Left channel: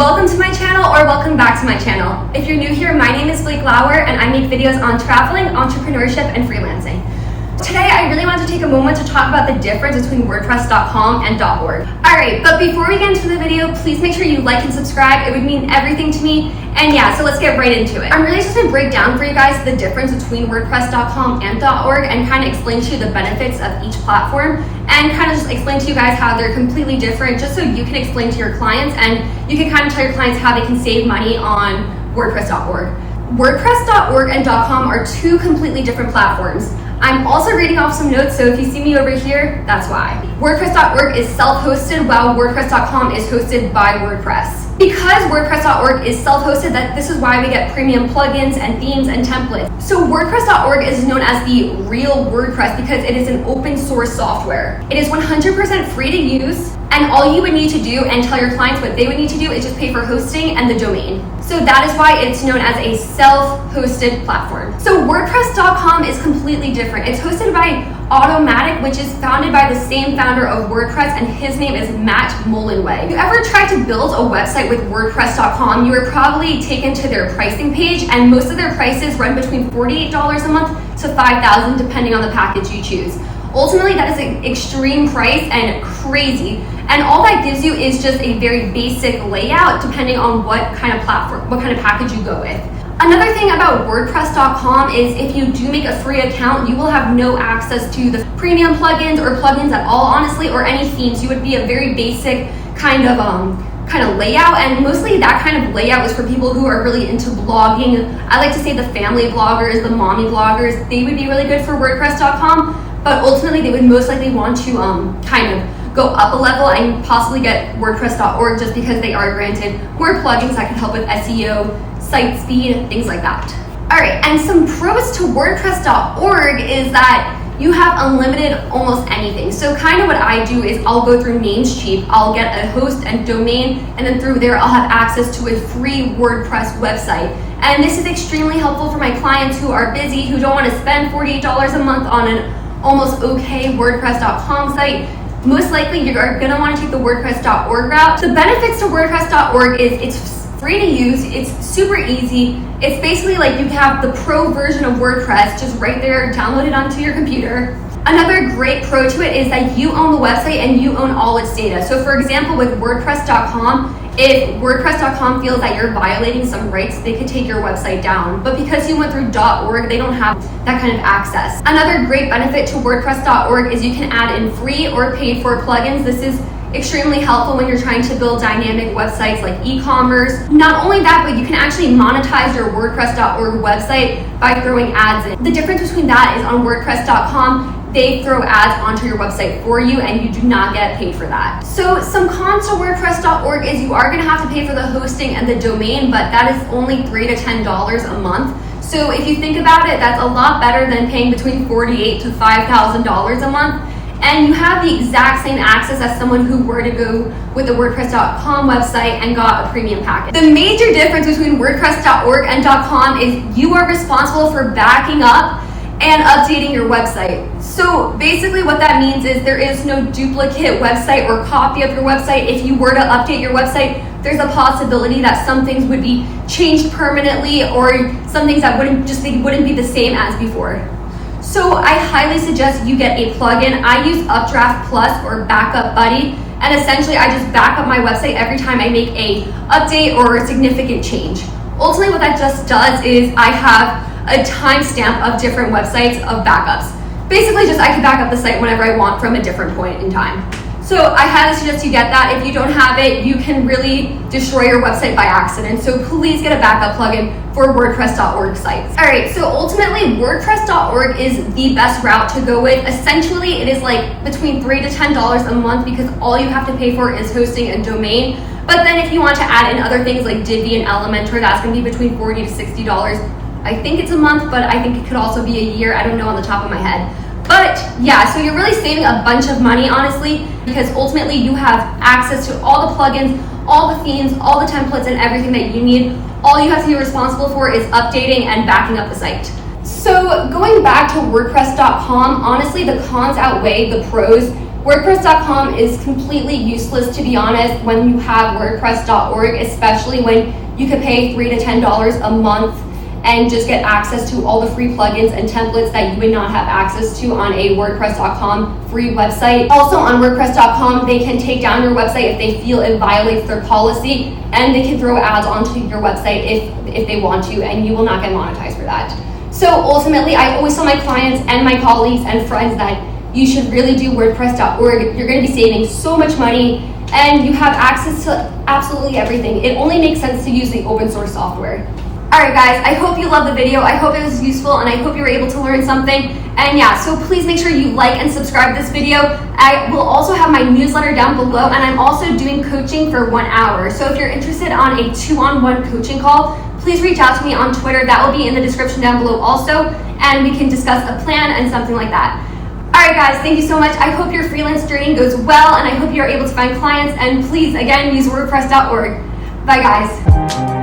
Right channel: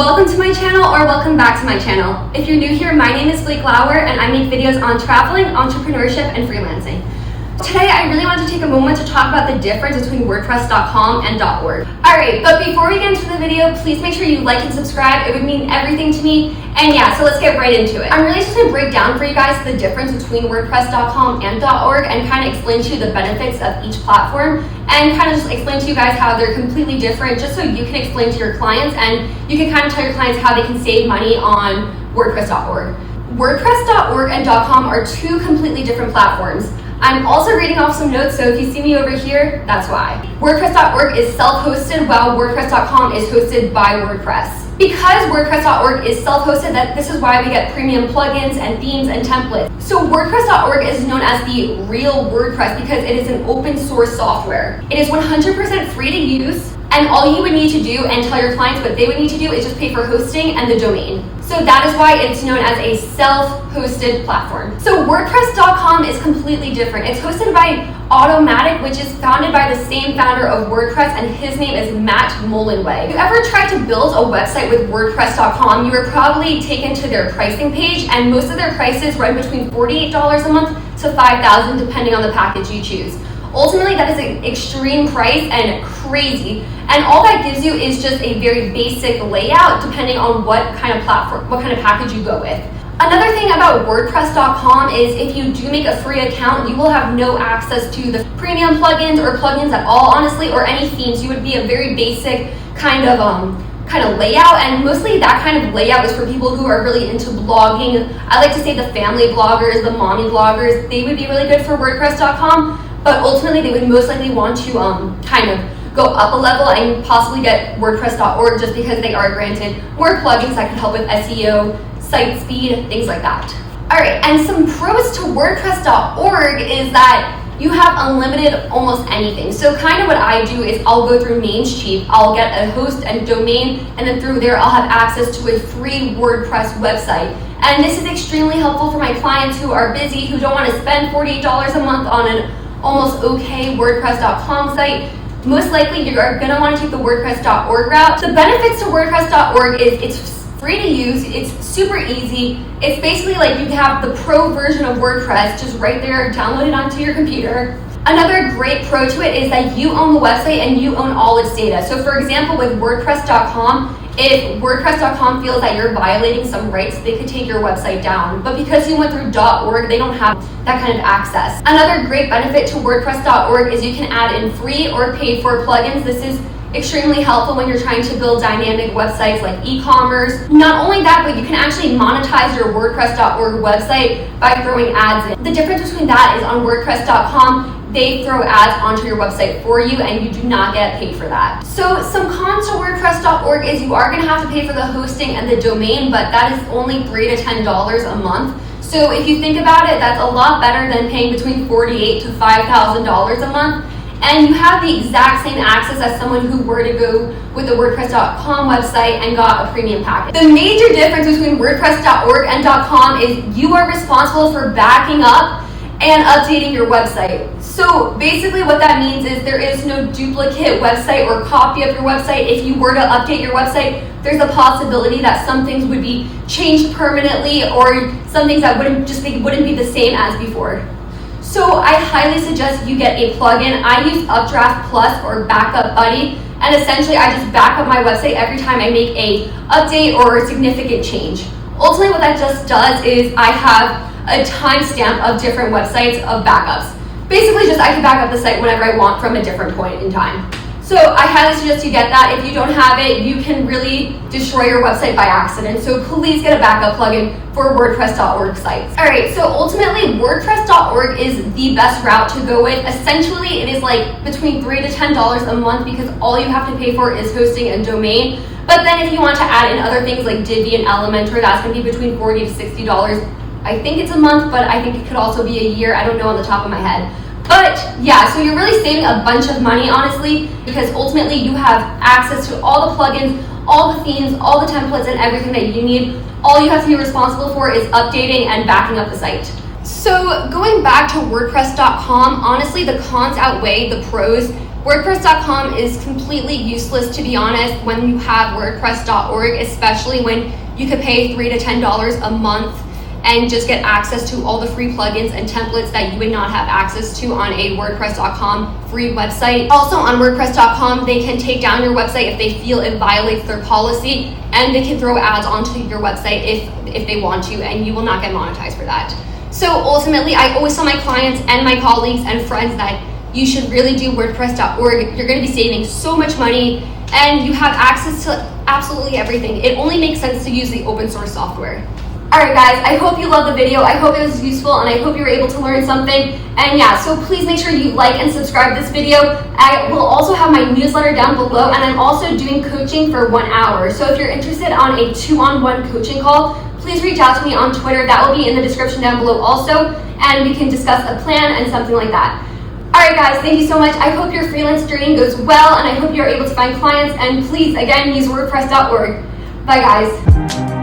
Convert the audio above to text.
Welcome to my channel, or welcome back to my channel. If you're new here, my name is Blake Lauer and I make videos on traveling, entrepreneurship, and freelancing. Today, I really want to take a moment to talk about the difference between Wordpresscom and .org. Alright, but before we get into the video, please make sure you like and subscribe. It would mean everything to me. And yeah, so let's get right into it. I'm really just going to break down for you guys the difference between Wordpresscom and .org and kind of explain to you the benefits of each platform and kind of just explain to you guys how they're completely different, just so you can explain to your clients and you can kind of tell your clients how they can save money on WordPress.org. WordPress.org and .com are two completely different platforms. I'm also reading off some notes, so if you see me over here, that's why. WordPress.org is self-hosted, while WordPress.com is hosted by WordPress. Because WordPress.org is self-hosted, this is why we get premium plugins and themes and templates. So WordPress.org is known as the real WordPress because it is an open source software. It is 100% free to use, and all you would need to do and tell your clients what they would need to do is just pay for hosting and the domain. So that is why it's known as a self-hosted platform. So WordPress.com is completely different. It's hosted by Automatic, which is founded by the same founder of WordPress, and his name is Matt Mullenweg. If you ever tried to build a website with WordPress.com, you were probably taken to their pricing page, and most of their prices run between $48 a month to $5,000 depending on the package you choose. Ultimately, that is an extreme price and crazy, and all that gives you is just a very basic layout depending on what kind of platform, what kind of package you go with. Another thing about WordPress.com is if you do make a free account, you will have no access to the premium plugins or plugins at all, honestly, or any themes. You would be a very basic kind of layout, and mostly that kind of layout is for people who are really into blogging. I like to say the family bloggers, the mommy bloggers, they would be really good for WordPress.com. But ultimately, they would most likely want to kind of go up a level and possibly get WordPress.org just because they are granted more plugins that can help with SEO, site speed, things like that. All right, and some pros to WordPress.org is that you have unlimited almost anything. So kind of what I do is I'll go through Namecheap, I'll get a host and domain, and then through there I'll have access to a free WordPress website. And this is extremely helpful for my clients who are busy, who don't want to spend $48 a month on an almost okay WordPress.com site. Most likely you are going to want to take the WordPress.org route. The benefits to WordPress.org is it's free to use, it's super easy. It's basically like you have the pro version of WordPress just right there, downloaded onto your computer. Another great pro to it is that you own the website and you own all its data. So for example, with WordPress.com, if WordPress.com feels that you're violating some rights, they could take your website down. But because you went through .org, they don't have that kind of access. Another great benefit to WordPress.org is you can add in free or paid for plugins. This is extremely helpful when you're trying to build dynamic websites like e-commerce. Not only that, but you can actually monetize your WordPress.org website by throwing ads in. The difference between that is on WordPress.com, they throw ads onto your website for you and you do not get paid for that. So some cons to WordPress.org is you are going to have to pay for the hosting and the domain, but that is only $3 to $10 a month. So if you think about it, that's a lot better than paying between $48,000 to $5,000 a month. And you have the exact same access as someone who were to go with the WordPress.com website and got a premium package. The major difference between WordPress.org and .com is you are responsible for backing up and updating your website. So basically what that means is there is no duplicate website or copy of your website. If you were to update your website, there's a possibility that some things would be changed permanently or some things that wouldn't be the same as before. So I highly suggest you get a plugin. I use Updraft Plus or Backup Buddy, and essentially I just back up my website every time I make a update or a significant change. Ultimately what that just does is I have a timestamp of different websites of backups. Basically just I can back up the site whenever I want from a different point in time. So I highly suggest you get that. If you don't have it, you can really destroy your website by accident. So please get a backup plugin for WordPress.org sites. All right, so ultimately WordPress.org is the best route to go with. Essentially, it is like between $3 to $10 a month because all you have to pay for is hosting and domain. But then if you want to add in other things like Divi and Elementor, that's gonna be between $40 to $60. I think it's a month, but I think it could also be a year. I don't know on the top of my head. But yeah, so you're really saving a bunch of money, honestly, because ultimately you have access to all the plugins, all the themes, all the templates, and everything that you need. All you have to be responsible for is updating and backing up the site. So going back to WordPress.com, honestly, the cons outweigh the pros WordPress.com is completely useless, to be honest, when you have WordPress.org, especially when you could pay $3 to $10 a month and just get access to all the free plugins and templates that you would not have access to on a WordPress.com free website. Also on WordPress.com, they can take down your website if they feel it violates their policy, and they can throw ads onto your website if they want to, and you will not get monetized for that. So ultimately, I always tell my clients and my colleagues and friends that you should really do WordPress.org. You're going to be saving so much money, and you have access to absolutely everything. It only makes sense to use the open source software. Alright guys, I hope you loved the video. I hope it was useful, and I hope you were able to learn something. And yeah, so please make sure you like and subscribe to this video. I will also have my newsletter down below, and I'm also doing coaching for 1 hour. So if you're interested on a 2-on-1 coaching call, please reach out to me on Twitter. That will be in the description down below also, and we can discuss a plan and something like that. Alright guys, thank you so much. I hope your freelance journey goes well, and I hope you're able to find clients. And please, again, use WordPress.org. Bye guys.